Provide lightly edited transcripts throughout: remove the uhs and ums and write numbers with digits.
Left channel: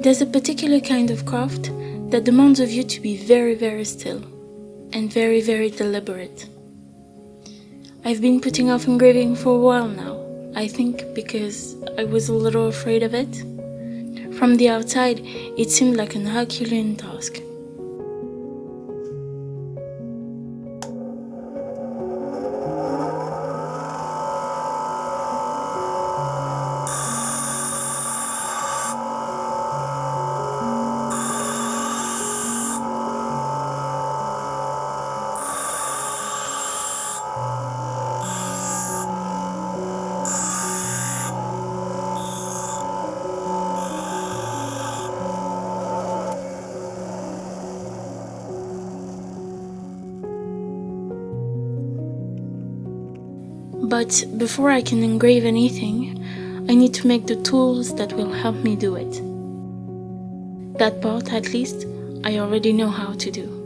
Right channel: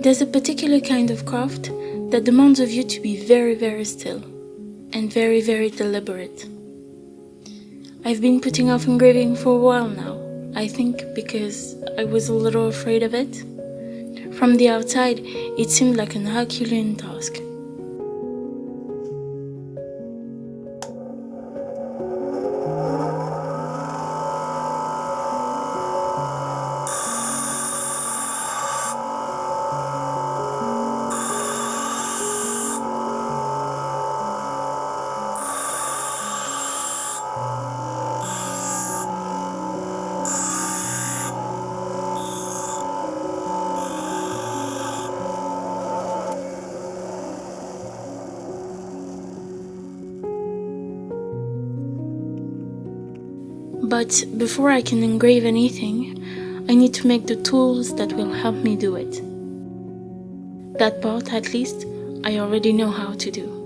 There's a particular kind of craft that demands of you to be very, very still and very, very deliberate. I've been putting off engraving for a while now, I think because I was a little afraid of it. From the outside, it seemed like an Herculean task. But before I can engrave anything, I need to make the tools that will help me do it. That part, at least, I already know how to do.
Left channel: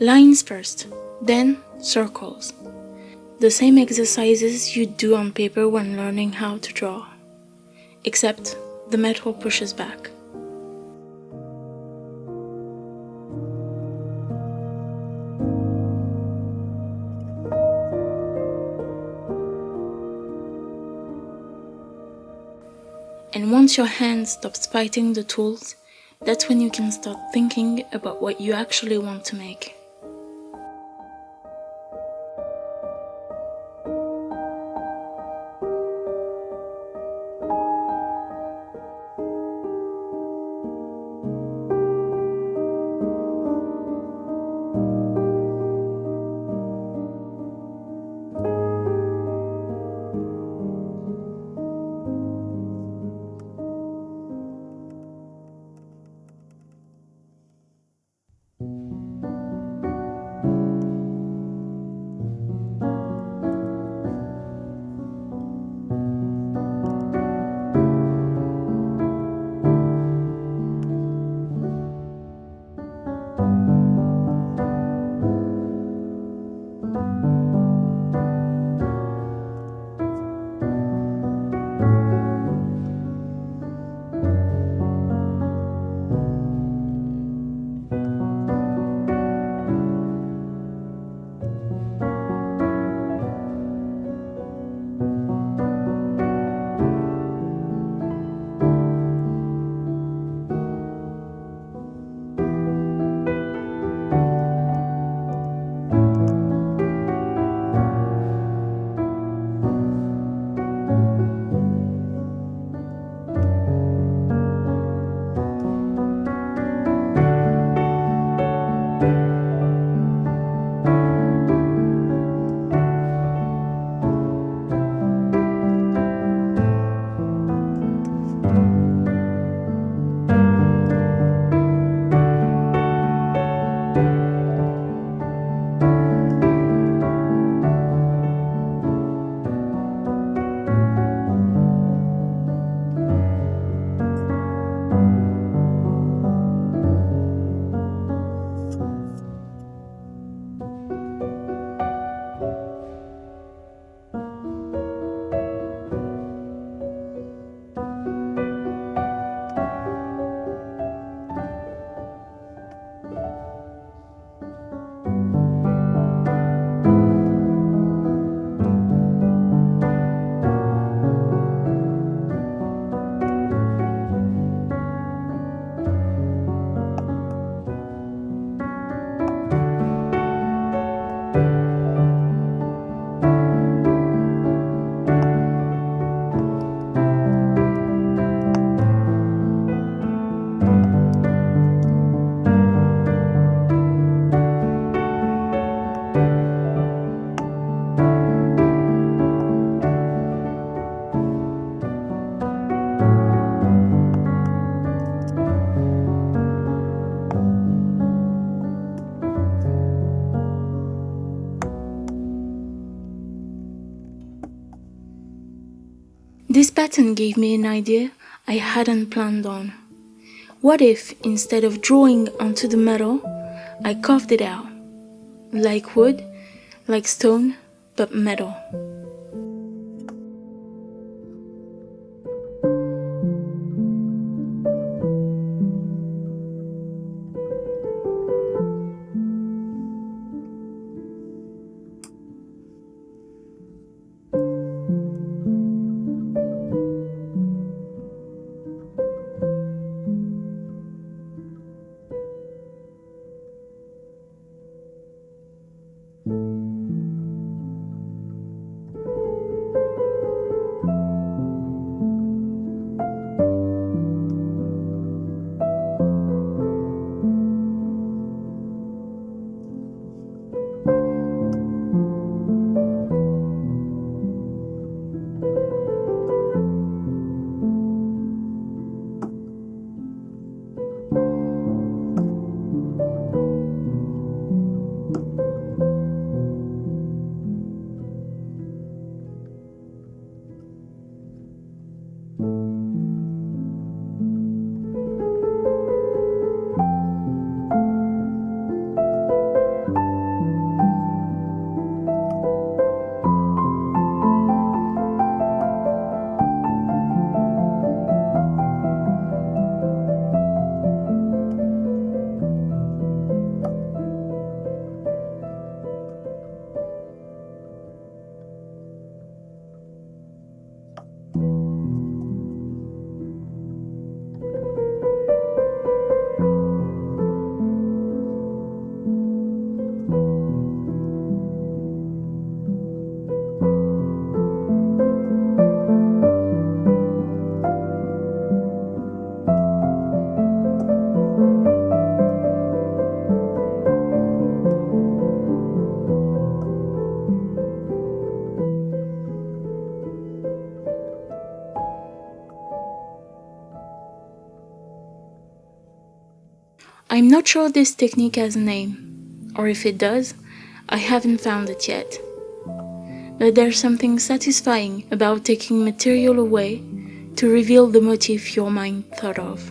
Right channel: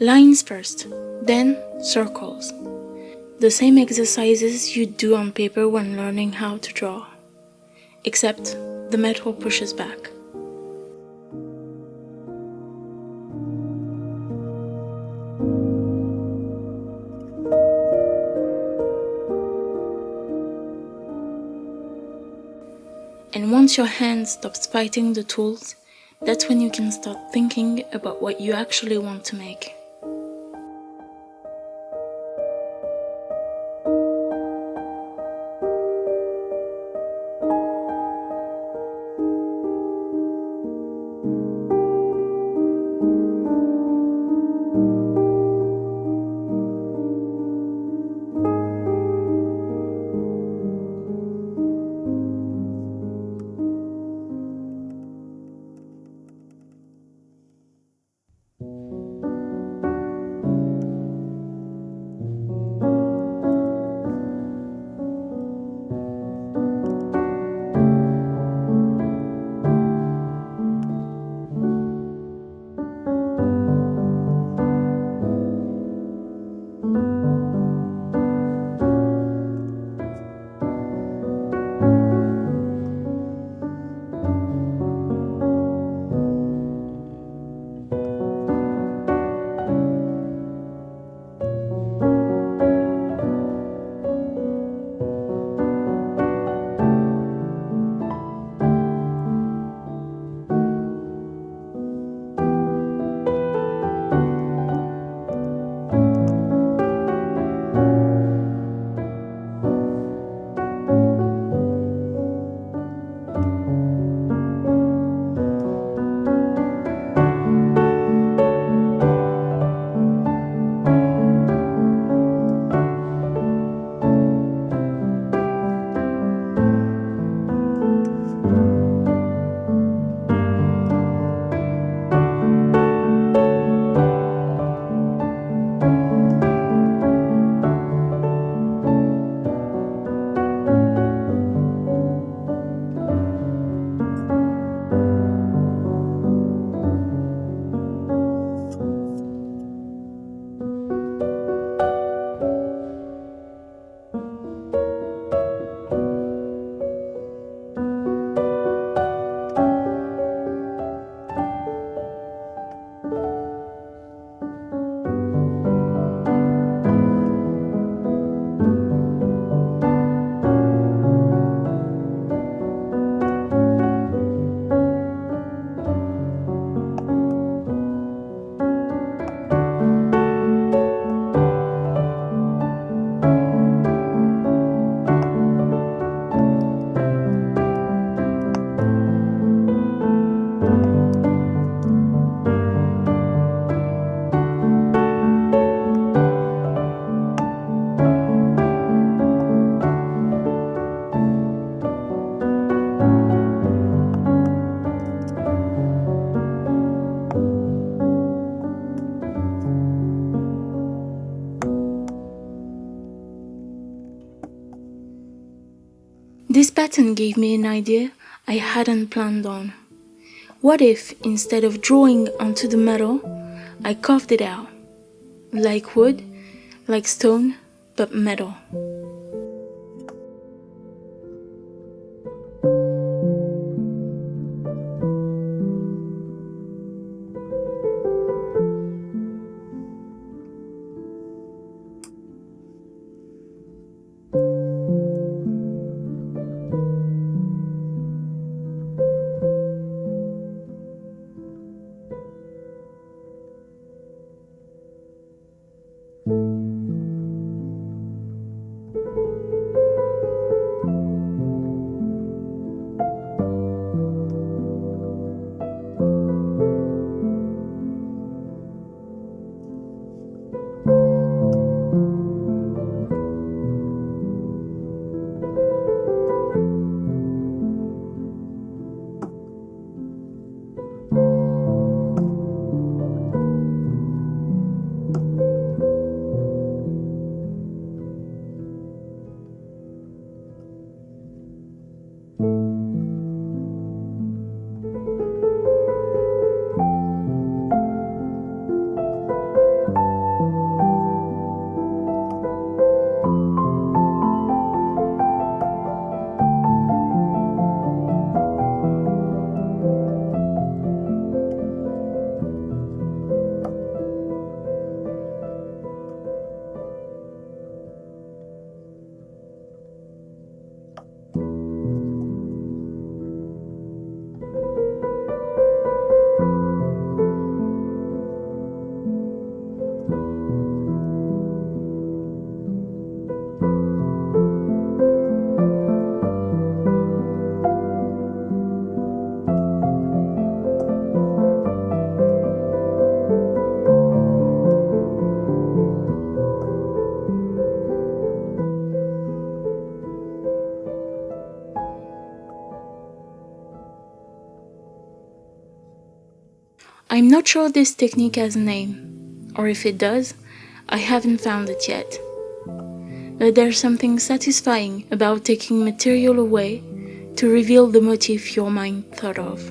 Lines first, then circles. The same exercises you do on paper when learning how to draw, except the metal pushes back. And once your hand stops fighting the tools, that's when you can start thinking about what you actually want to make. This pattern gave me an idea I hadn't planned on. What if, instead of drawing onto the metal, I carved it out? Like wood, like stone, but metal. I'm not sure this technique has a name, or if it does, I haven't found it yet. But there's something satisfying about taking material away to reveal the motif your mind thought of.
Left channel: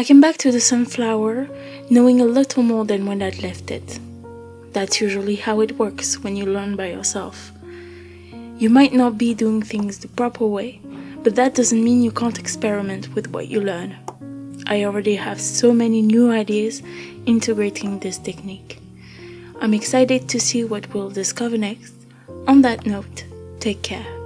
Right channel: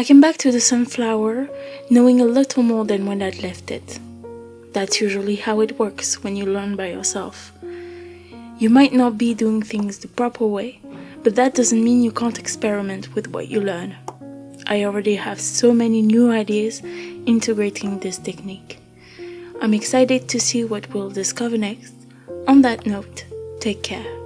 I came back to the sunflower knowing a little more than when I'd left it. That's usually how it works when you learn by yourself. You might not be doing things the proper way, but that doesn't mean you can't experiment with what you learn. I already have so many new ideas integrating this technique. I'm excited to see what we'll discover next. On that note, take care.